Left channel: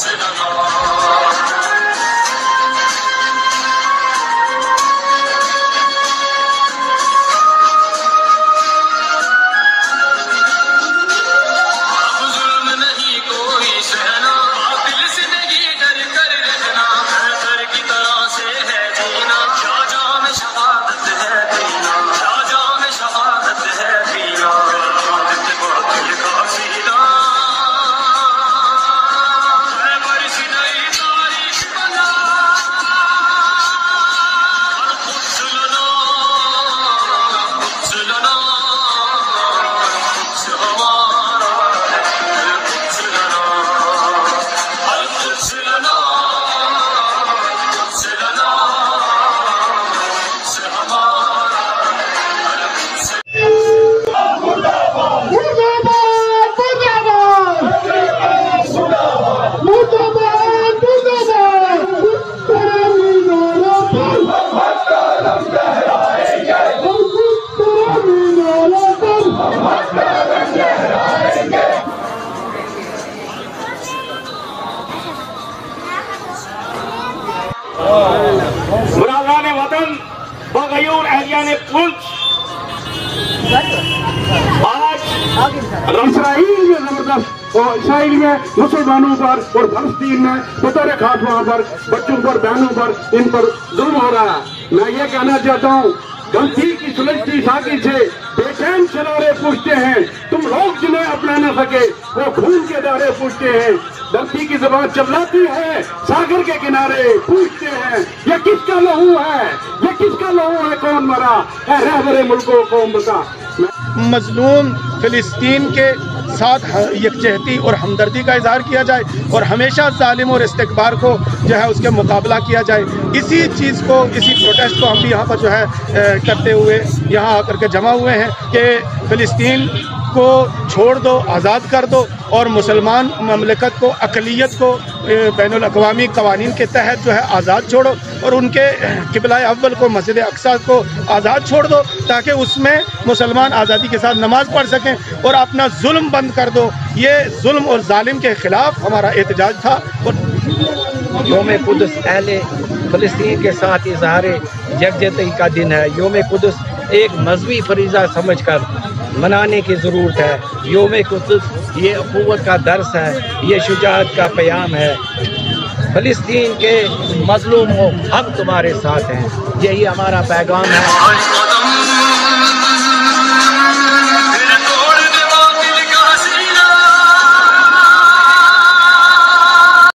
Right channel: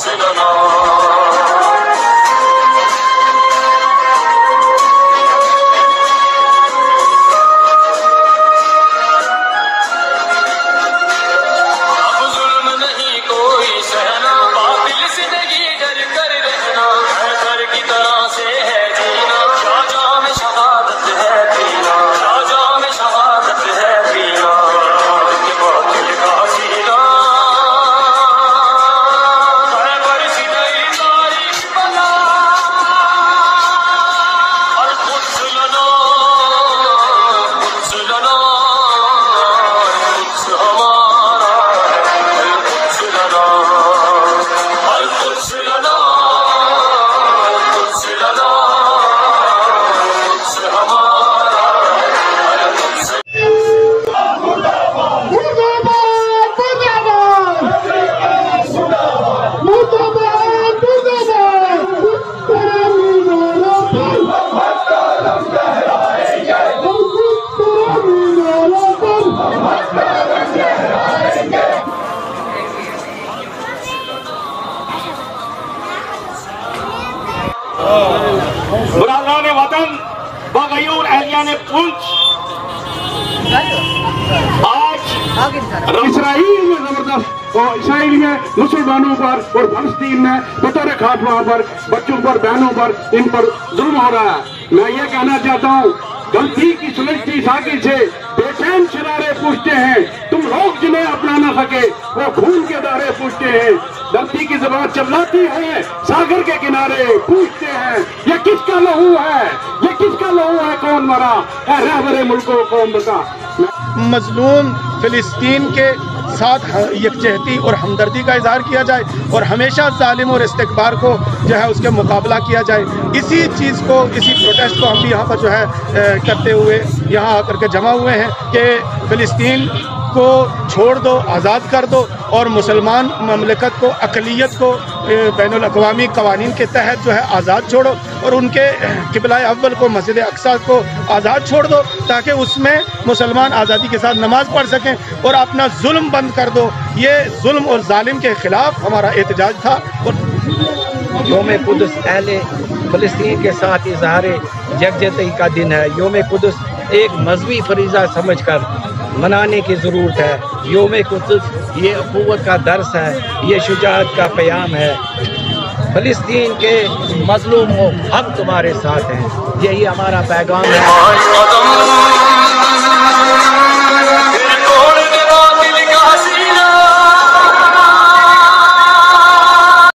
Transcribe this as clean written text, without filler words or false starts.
सहना बातिल से नहीं डर कर रहना है, डर की तरह से है जीना, शाहजहां में शहादत है पीना, शाहजहां में शहादत है पीना, बातिल का सीना है बरस गई तारीख बना, और कुछ लना कुछ लना कुछ हमारा है, कुछ लना कुछ लना कुछ लना कुछ हमारा मुर्दाबाद मुर्दाबाद मुर्दाबाद मुर्दाबाद तेरे मीनारों पर कलम लहराएंगे, हम तेरे मीनारों पर कलम लहराएंगे। बुरादान वतन बगयूर एहलिया ने पुंछ आज इसराइल में जबरदस्त और इसराइल में मुसलमानों पर और फलस्तीन में बतौर खास वहां पर बच्चों पर बहनों पर इन पर जुल्म हो रहा है। मैं ये कहना चाहता हूँ, गलती की सुलझती साकिब से बेचैन शरारे पूछते हैं, तुम लोग जिन्हें अपना न सके वो खून के दारे पूछते हैं, गलती की जबान चिल्लाती है सागर के किनारे पूछते हैं, ये किसका लहू है, ये किसका लहू है, कौन मरा, रहबरे मुल्को कौम बता। मजलूम फिलिस्तीन के साथ यकजहती और हमदर्दी का इजहार किया जाए और हमेशा जालिम और इस्तिकबार को जो है उसके मुकाबला किया जाए। इसी चीज़ को, इसी प्रोटेस्ट को हम भी यहाँ पर जो है करते हुए यहाँ आकर के जमा हुए हैं कि फ़िलिस्तीन को छोड़ दो, आज़ाद कर दो और मुसलमान ममलकत को, अक़लियत को बैनुल अक़वामी क़वानीन के तहत जो है आज़ाद छोड़ो और उनके क़िबला अव्वल को, मस्जिद अक़सा को आज़ाद छोड़ दो ताकि उसमें मुसलमान आज़ादी के साथ नमाज़ पढ़ सकें और अपना जुल्म बंद कर दो। ये जुल्म और जालिम के ख़िलाफ़ हमारा एहतजाज था। और योम कुद्स अहले फ़लस्तीन के साथ इज़हार यकजहती का दिन है। योम कुद्स एक मजहबी फरीज़ा समझकर मनाने की ज़रूरत है। योम कुद्स ये अख़ुव्वत का दर्स है, ये शुजाअत का प्याम है। फ़लस्तीन के मज़लूमों हम तुम्हारे साथ हैं, यही हमारा पैगाम है।